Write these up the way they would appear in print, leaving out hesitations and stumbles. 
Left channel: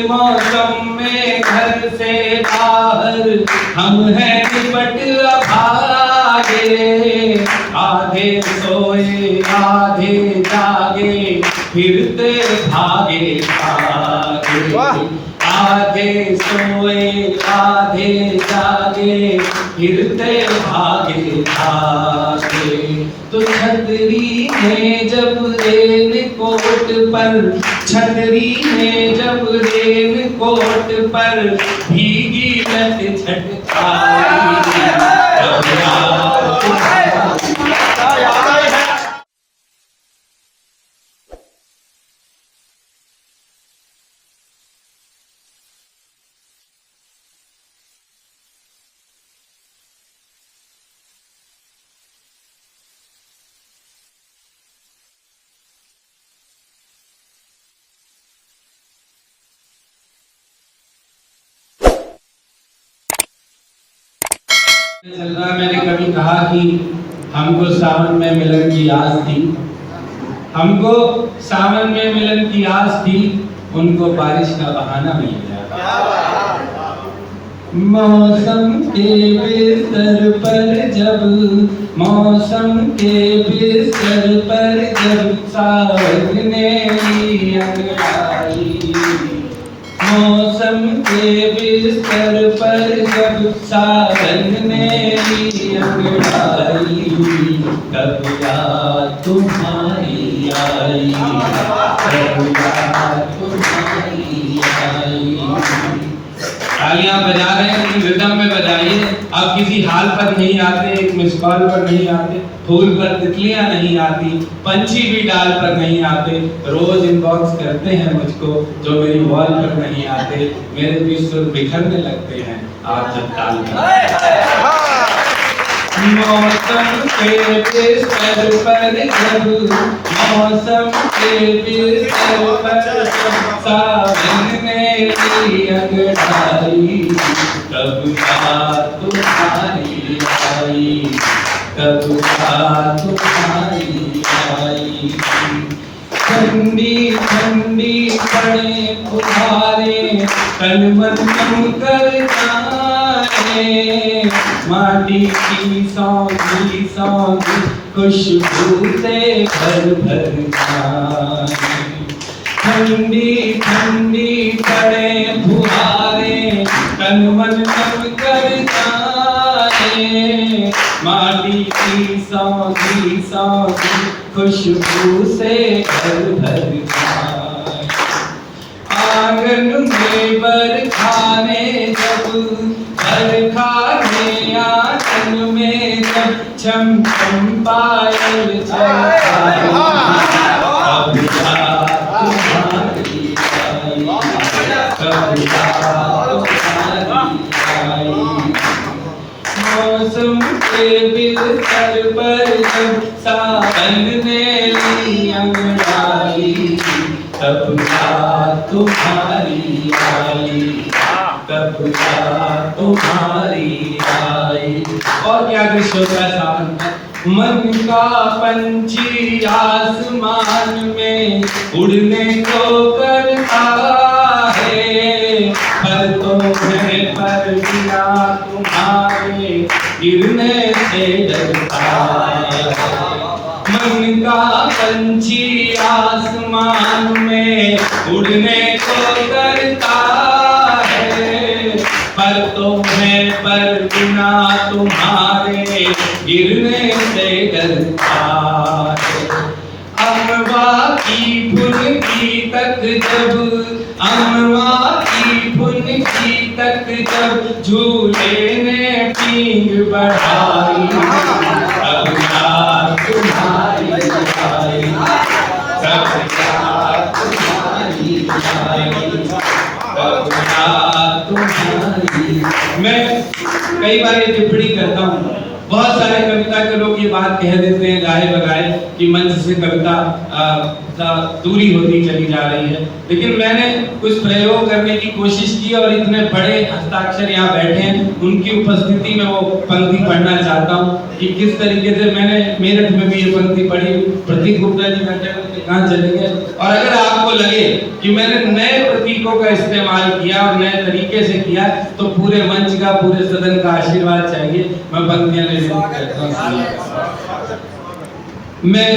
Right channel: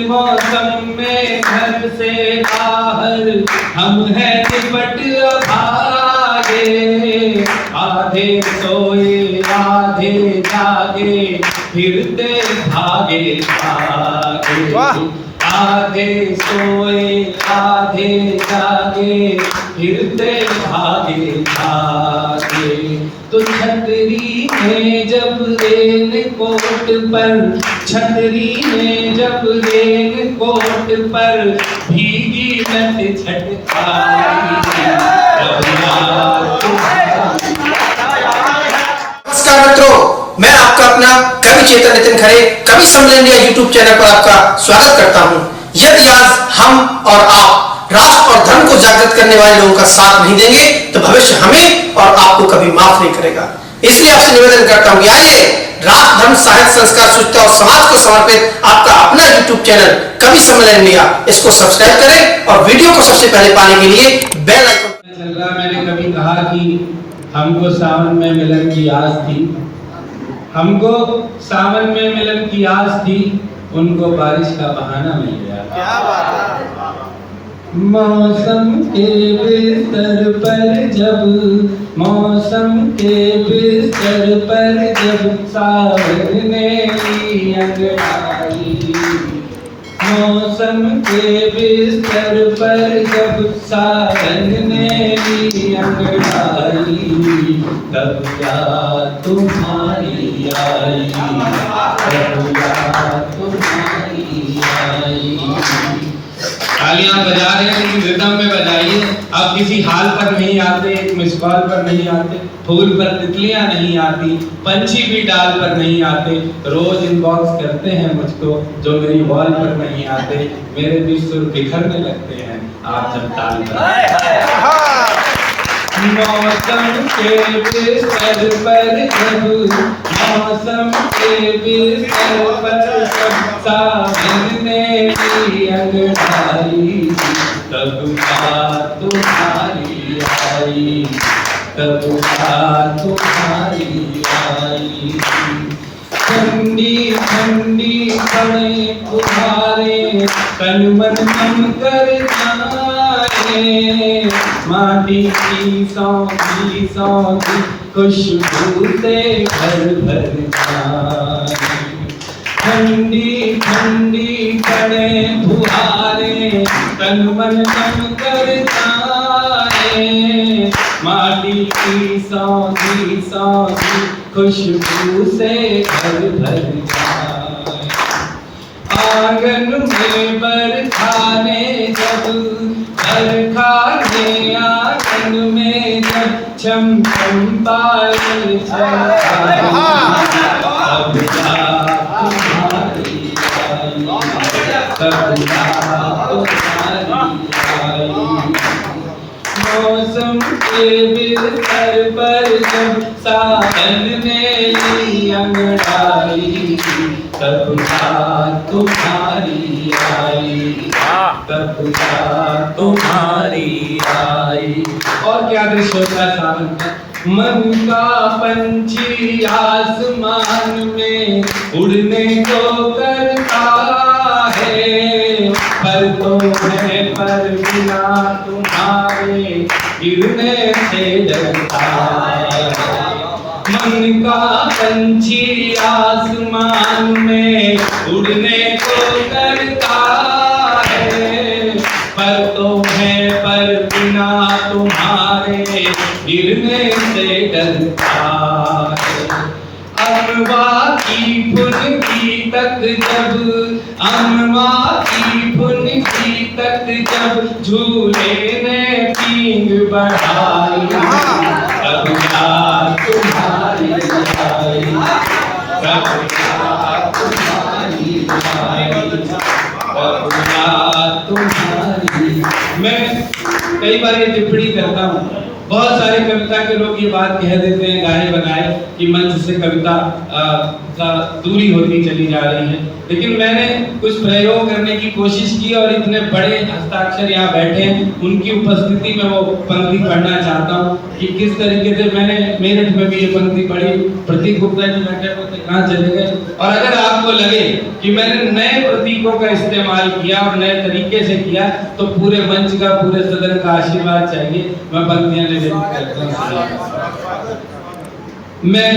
मौसम में घर से बाहर हम हैं निपट भागे, आधे सोए आधे जागे फिरते भागे भागे, आधे सोए आधे जागे फिरते भागे भागे। तो छतरी में जब रेन कोट पर, छतरी में जब रेन कोट पर भीगी लट छटकाई। नमस्कार मित्रों, मैं आपका अपना कवि चेतन नितिन खरे कवि सम्मेलन इंडिया यूट्यूब चैनल पर आपका स्वागत करता हूं। यदि आज हम और आप राष्ट्र और धर्म को जागृत करने वाले लोगों का साथ नहीं देंगे तो भविष्य हमें और आपको कभी माफ नहीं करेगा। इसलिए आपसे निवेदन करता हूं कि आइए राष्ट्र, धर्म, साहित्य, संस्कार, शुचिता और समाज को समर्पित आपका अपना यूट्यूब चैनल कवि सम्मेलन इंडिया, इसको सब्सक्राइब करें और वीडियो को सबसे पहले पाने के लिए बेल आइकन चल रहा। मैंने कभी कहा कि हमको सावन में मिलन की आस थी, हमको सावन में मिलन की आस थी, उनको बारिश का बहाना मिल गया। मौसम के बिस्तर पर जब, मौसम के बिस्तर पर जब सावन ने अंगड़ाई, मौसम के बिस्तर पर जब सावन ने अंगड़ाई, तब याद तुम्हारी आई, तब याद तुम्हारी आई। तालियां बजा रहे हैं लेकिन रिदम में बजाइए। अब किसी हाल पर नहीं आते, एक मिस कॉल पर नहीं आते, फूल पर तितलियां नहीं आती, पंछी भी डाल पर नहीं आते। रोज इनबॉक्स करते हैं मुझको जो मेरी वॉल पर नहीं आते। मेरे भी सुर बिखरने लगते हैं आप जब ताल पर। मौसम के बिस्तर पर जब, मौसम के बिस्तर पर जब सावन ने अंगड़ाई, तब याद तुम्हारी आई, तब याद तुम्हारी आई। ठंडी ठंडी पड़े फुहारे तन मन कम कर जाए, माटी की सौंधी सौंधी खुशबू से घर भर जाए। ठंडी ठंडी पड़े फुहारे तन मन कम कर जाए, माटी की सौंधी सौंधी खुशबू से घर भर जाए। आंगन में बरखाने जब, बरखाने आंगन में जब छम छम पायल चलता, तब याद तुम्हारी आई, तब याद तुम्हारी आई। मौसम के बिस्तर पर जब सावन ने ली अंगड़ाई, तब याद तुम्हारी आई, तब याद तुम्हारी आई। और क्या दृश्य होता है सावन में? मन का पंछी आसमान में उड़ने को करता है, पर तो है पर बिना तुम्हारे गिरने से डरता है। मन का पंछी आसमान में उड़ने को करता है, पर तो है पर बिना तुम्हारे गिरने से डरता है। अमवा की फुनगी तक जब, अमवा की फुनगी तक जब झूले ने पींग बढ़ाई, तब याद तुम्हारी आई, तब याद तुम्हारी आई, तब याद तुम्हारी। मैं कई बार ये टिप्पणी करता हूँ, बहुत सारे कविता के लोग ये बात कह देते हैं गाए बगाए कि मंच से कविता का दूरी होती चली जा रही है। लेकिन मैंने कुछ प्रयोग करने की कोशिश की और इतने बड़े हस्ताक्षर यहाँ बैठे हैं, उनकी उपस्थिति में वो पंक्ति पढ़ना चाहता हूँ कि किस तरीके से मैंने मेरठ में भी ये पंक्ति पढ़ी। प्रतीक गुप्ता जी बैठे हुए कहाँ चले गए। और अगर आपको लगे कि मैंने नए प्रतीकों का इस्तेमाल किया और नए तरीके से किया तो पूरे मंच का, पूरे सदन का आशीर्वाद चाहिए। मैं पंक्तियां लेने करता हूँ। मैं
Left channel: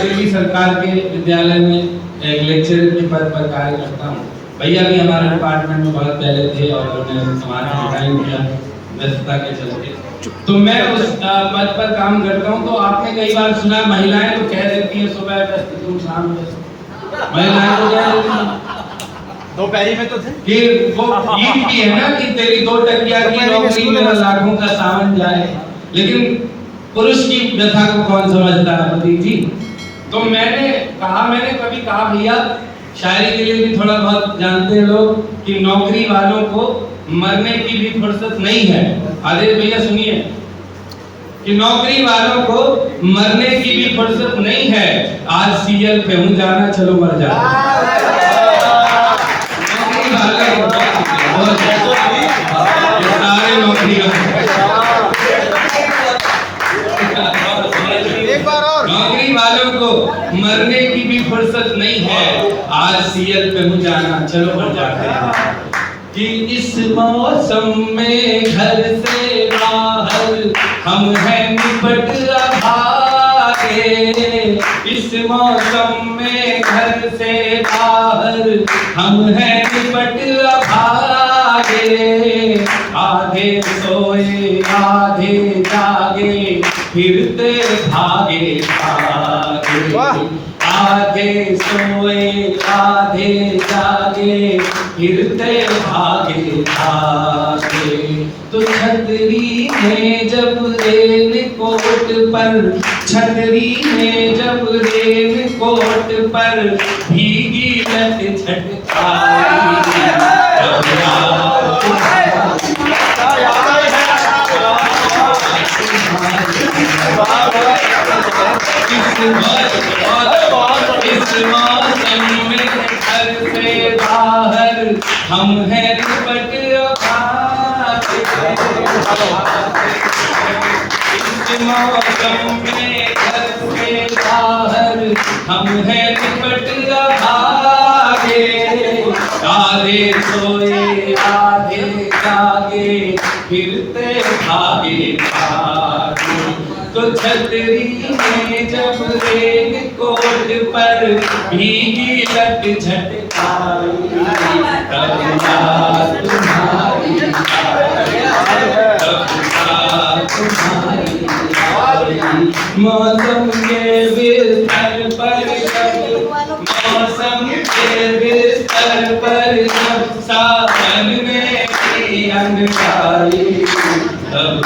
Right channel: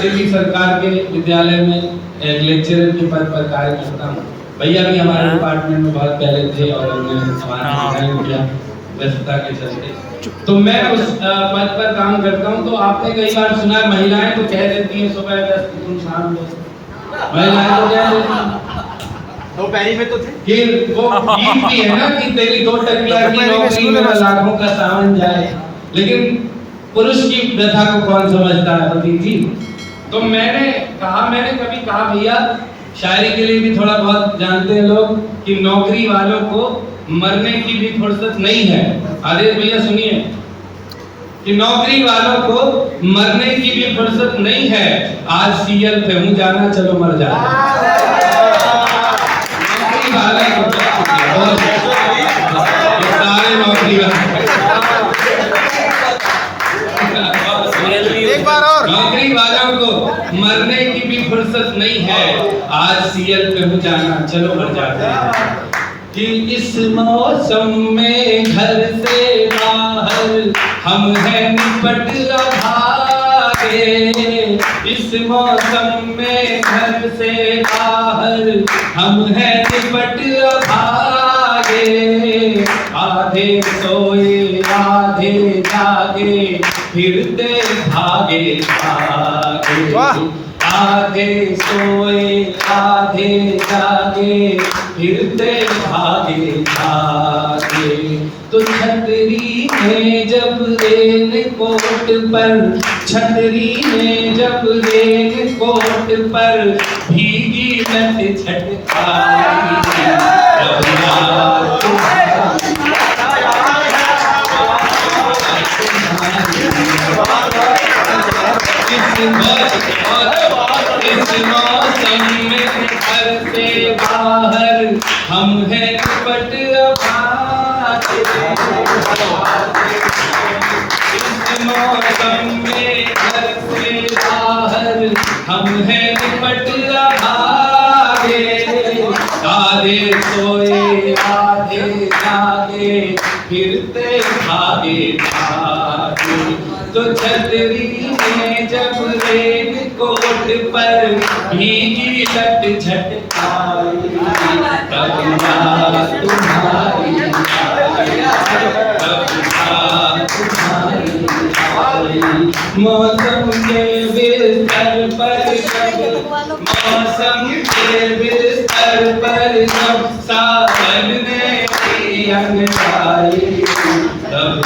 दिल्ली सरकार के विद्यालय में एक लेक्चरर के पद पर कार्य करता हूँ। भैया भी हमारे डिपार्टमेंट में बहुत पहले थे और उन्होंने हमारा डिजाइन किया व्यस्तता के चलते। तो मैं उस पद पर काम करता हूँ। तो आपने कई बार सुना है महिलाएं तो कह देती हैं सुबह व्यस्त तुम शाम व्यस्त। महिलाएं तो कह देती हैं दो पैरी में तो थे कि वो गीत भी है ना कि तेरी 2 टकिया की नौकरी में लाखों का सावन जाए, लेकिन पुरुष की व्यथा को कौन समझता है प्रतीक जी। तो मैंने कभी कहा भैया शायरी के लिए भी थोड़ा बहुत जानते हैं लोग कि नौकरी वालों को मरने की भी फुर्सत नहीं है। आदेश भैया सुनिए कि नौकरी वालों को मरने की भी फुर्सत नहीं है। आज सीएल पे हूँ जाना चलो मर जा। नौकरी वाले सारे नौकरी नौकरी वालों को मरने की भी फुर्सत नहीं है। आज सीएल पे हूँ जाना चलो मर जाते हैं। कि इस मौसम में घर से बाहर हम हैं निपट भागे। इस मौसम में घर से बाहर हम हैं निपट भागे। आधे सोए आधे जागे फिरते भागे भागे। आधे सोए आधे जागे फिरते भागे भागे। तो छतरी में जब रेन कोट पर, छतरी में जब रेन कोट पर भीगी लट छटकाई। इस मौसम में घर से बाहर हम हैं निपट भागे। इस मौसम में घर से बाहर हम हैं निपट भागे। आधे सोए आधे जागे फिरते भागे भागे। तो छतरी में जब रेन कोट पर भीगी लट झटकाई। तब याद तुम्हारी मौसम के बिस्तर पर मौसम के बिस्तर पर जब सावन ने की अंगाई। तब